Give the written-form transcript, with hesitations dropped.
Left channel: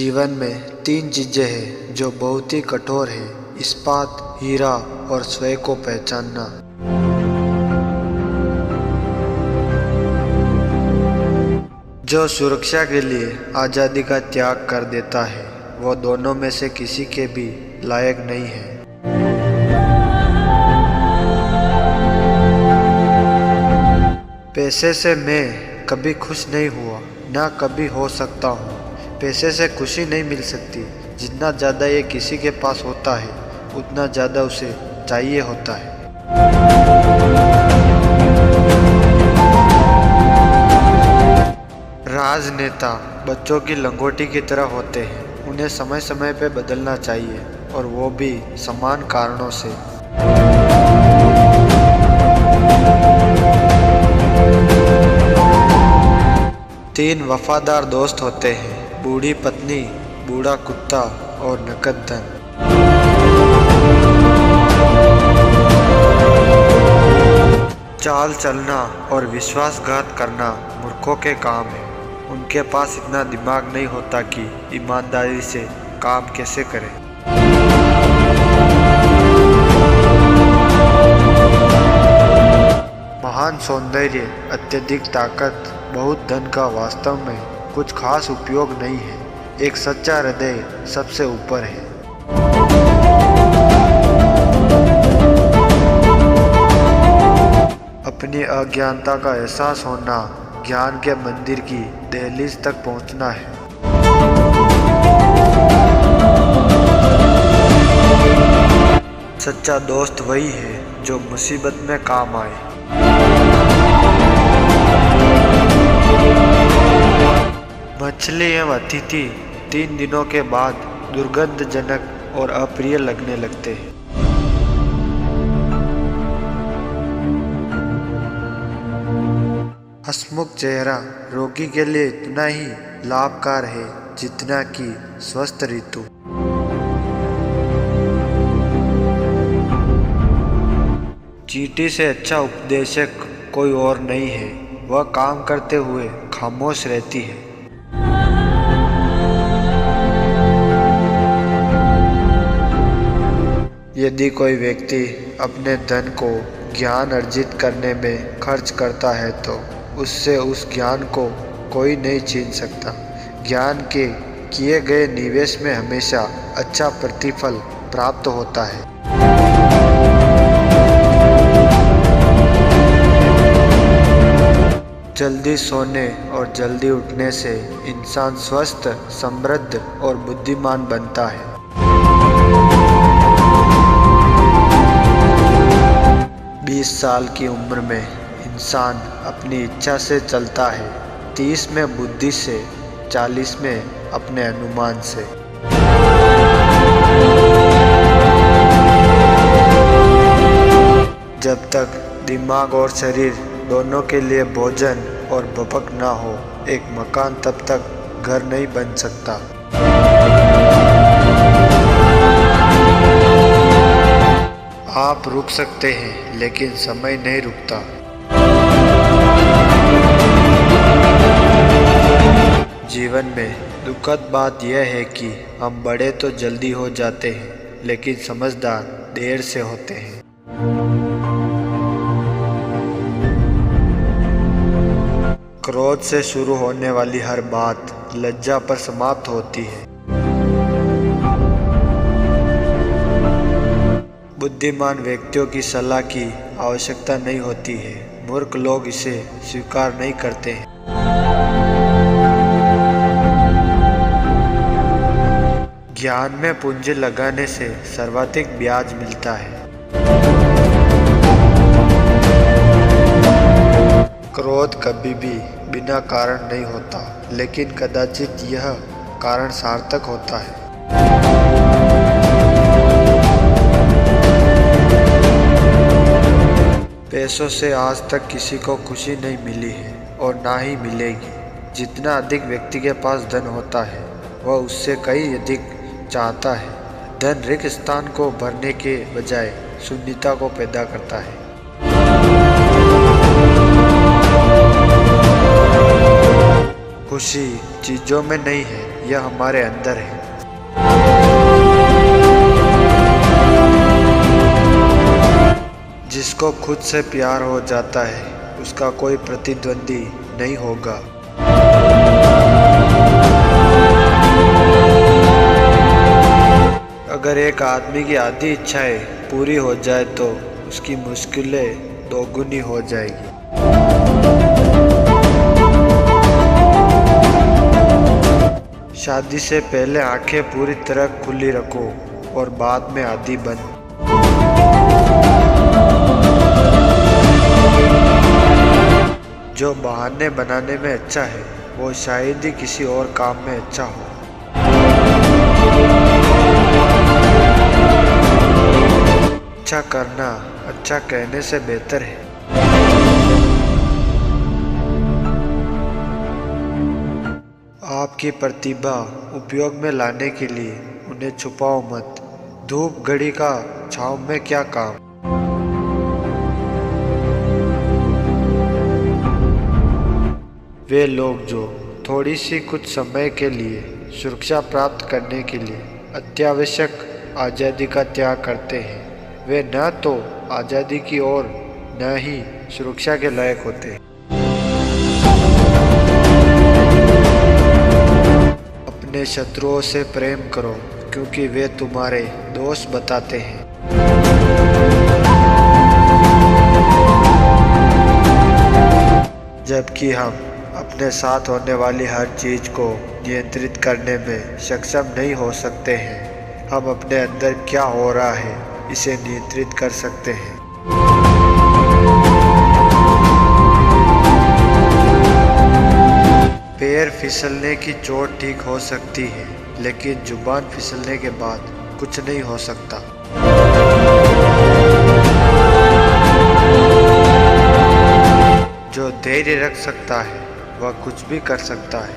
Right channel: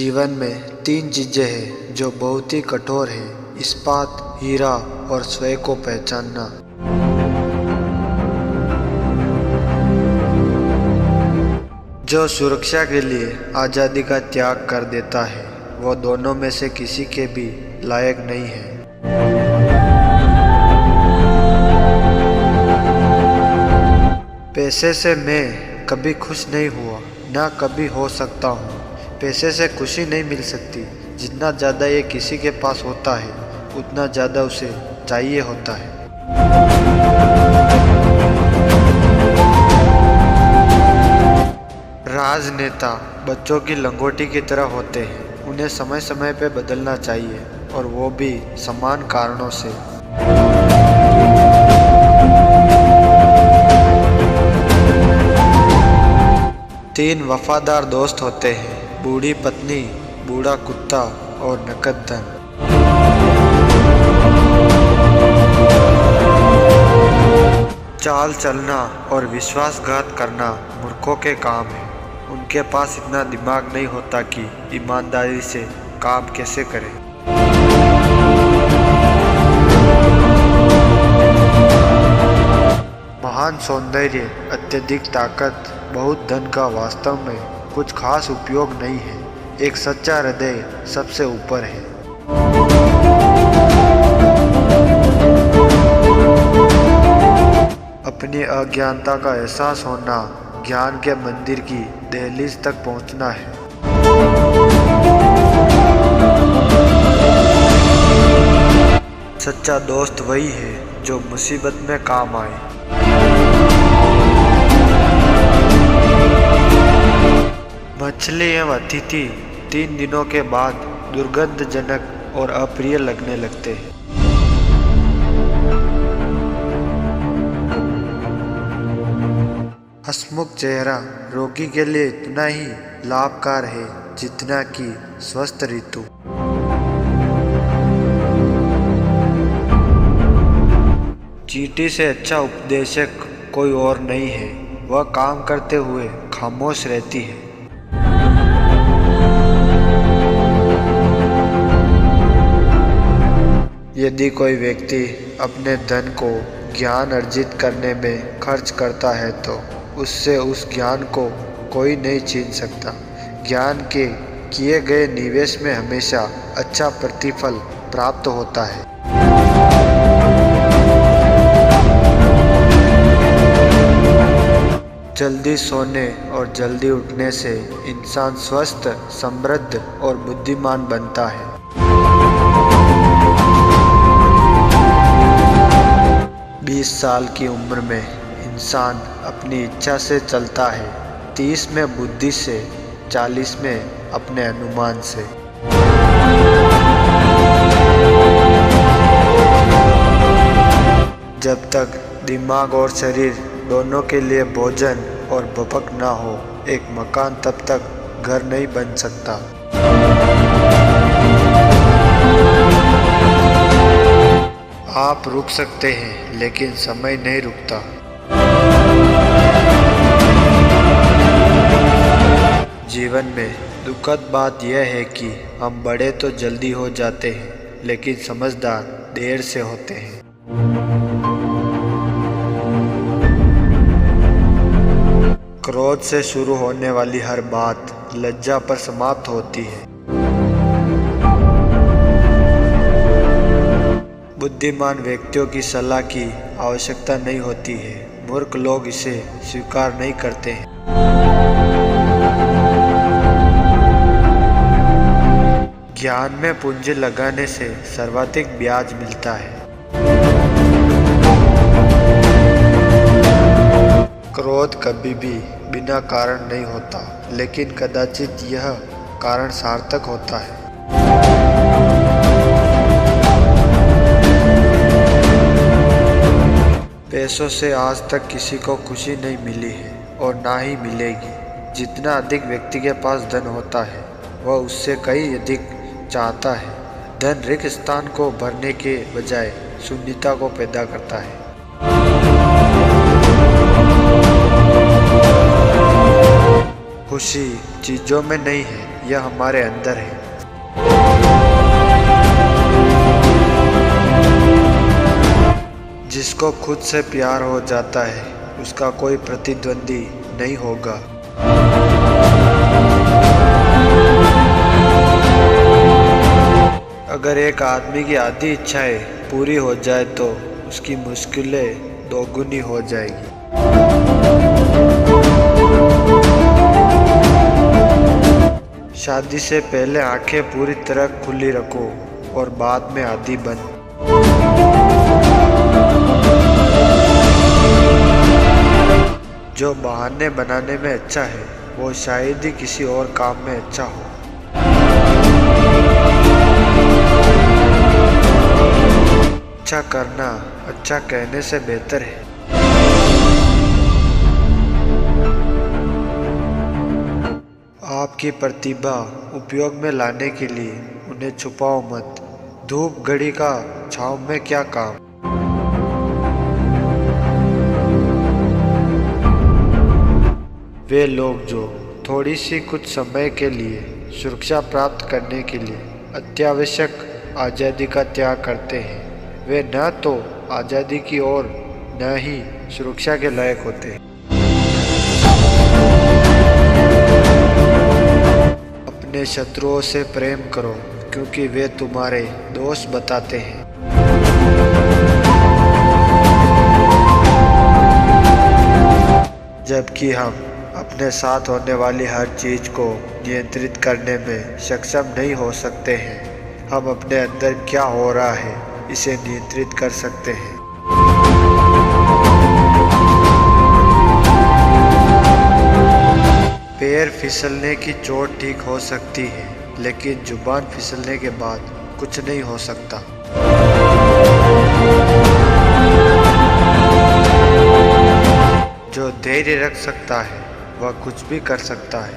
जीवन में तीन चीजें हैं जो बहुत ही कठोर है: इस्पात, हीरा और स्वयं को पहचानना। जो सुरक्षा के लिए आज़ादी का त्याग कर देता है वो दोनों में से किसी के भी लायक नहीं है। पैसे से मैं कभी खुश नहीं हुआ, ना कभी हो सकता हूँ। पैसे से खुशी नहीं मिल सकती। जितना ज़्यादा ये किसी के पास होता है उतना ज़्यादा उसे चाहिए होता है। राजनेता बच्चों की लंगोटी की तरह होते हैं। उन्हें समय समय पर बदलना चाहिए और वो भी समान कारणों से। तीन वफादार दोस्त होते हैं: बूढ़ी पत्नी, बूढ़ा कुत्ता और नकद धन। चाल चलना और विश्वासघात करना मूर्खों के काम है। उनके पास इतना दिमाग नहीं होता कि ईमानदारी से काम कैसे करें। महान सौंदर्य, अत्यधिक ताकत, बहुत धन का वास्तव में कुछ खास उपयोग नहीं है। एक सच्चा हृदय सबसे ऊपर है। अपनी अज्ञानता का एहसास होना ज्ञान के मंदिर की दहलीज तक पहुंचना है। सच्चा दोस्त वही है जो मुसीबत में काम आए। मछली एवं अतिथि 3 दिनों के बाद दुर्गंधजनक और अप्रिय लगने लगते हैं। हंसमुख चेहरा रोगी के लिए इतना ही लाभकारी है जितना कि स्वस्थ ऋतु। चींटी से अच्छा उपदेशक कोई और नहीं है। वह काम करते हुए खामोश रहती है। यदि कोई व्यक्ति अपने धन को ज्ञान अर्जित करने में खर्च करता है तो उससे उस ज्ञान को कोई नहीं छीन सकता। ज्ञान के किए गए निवेश में हमेशा अच्छा प्रतिफल प्राप्त होता है। जल्दी सोने और जल्दी उठने से इंसान स्वस्थ, समृद्ध और बुद्धिमान बनता है। 20 साल की उम्र में इंसान अपनी इच्छा से चलता है, 30 में बुद्धि से, 40 में अपने अनुमान से। जब तक दिमाग और शरीर दोनों के लिए भोजन और भपक ना हो, एक मकान तब तक घर नहीं बन सकता। आप रुक सकते हैं लेकिन समय नहीं रुकता। जीवन में दुखद बात यह है कि हम बड़े तो जल्दी हो जाते हैं लेकिन समझदार देर से होते हैं। क्रोध से शुरू होने वाली हर बात लज्जा पर समाप्त होती है। बुद्धिमान व्यक्तियों की सलाह की आवश्यकता नहीं होती है। मूर्ख लोग इसे स्वीकार नहीं करते हैं। ज्ञान में पूंजी लगाने से सर्वाधिक ब्याज मिलता है। क्रोध कभी भी बिना कारण नहीं होता, लेकिन कदाचित यह कारण सार्थक होता है। पैसों से आज तक किसी को खुशी नहीं मिली है और ना ही मिलेगी। जितना अधिक व्यक्ति के पास धन होता है वह उससे कई अधिक चाहता है। धन रिक्त स्थान को भरने के बजाय शून्यता को पैदा करता है। खुशी चीज़ों में नहीं है, यह हमारे अंदर है। जिसको खुद से प्यार हो जाता है उसका कोई प्रतिद्वंदी नहीं होगा। अगर एक आदमी की आधी इच्छाएं पूरी हो जाए तो उसकी मुश्किलें दोगुनी हो जाएगी। शादी से पहले आंखें पूरी तरह खुली रखो और बाद में आधी बंद। जो बहाने बनाने में अच्छा है वो शायद ही किसी और काम में अच्छा हो। अच्छा करना अच्छा कहने से बेहतर है। आपकी प्रतिभा उपयोग में लाने के लिए उन्हें छुपाओ मत। धूप घड़ी का छांव में क्या काम। वे लोग जो थोड़ी सी कुछ समय के लिए सुरक्षा प्राप्त करने के लिए अत्यावश्यक आज़ादी का त्याग करते हैं, वे न तो आज़ादी की ओर न ही सुरक्षा के लायक होते हैं। अपने शत्रुओं से प्रेम करो क्योंकि वे तुम्हारे दोस्त बताते हैं। जबकि हम अपने साथ होने वाली हर चीज़ को नियंत्रित करने में सक्षम नहीं हो सकते हैं, हम अपने अंदर क्या हो रहा है इसे नियंत्रित कर सकते हैं। पैर फिसलने की चोट ठीक हो सकती है, लेकिन जुबान फिसलने के बाद कुछ नहीं हो सकता। जो धैर्य रख सकता है वह कुछ भी कर सकता है।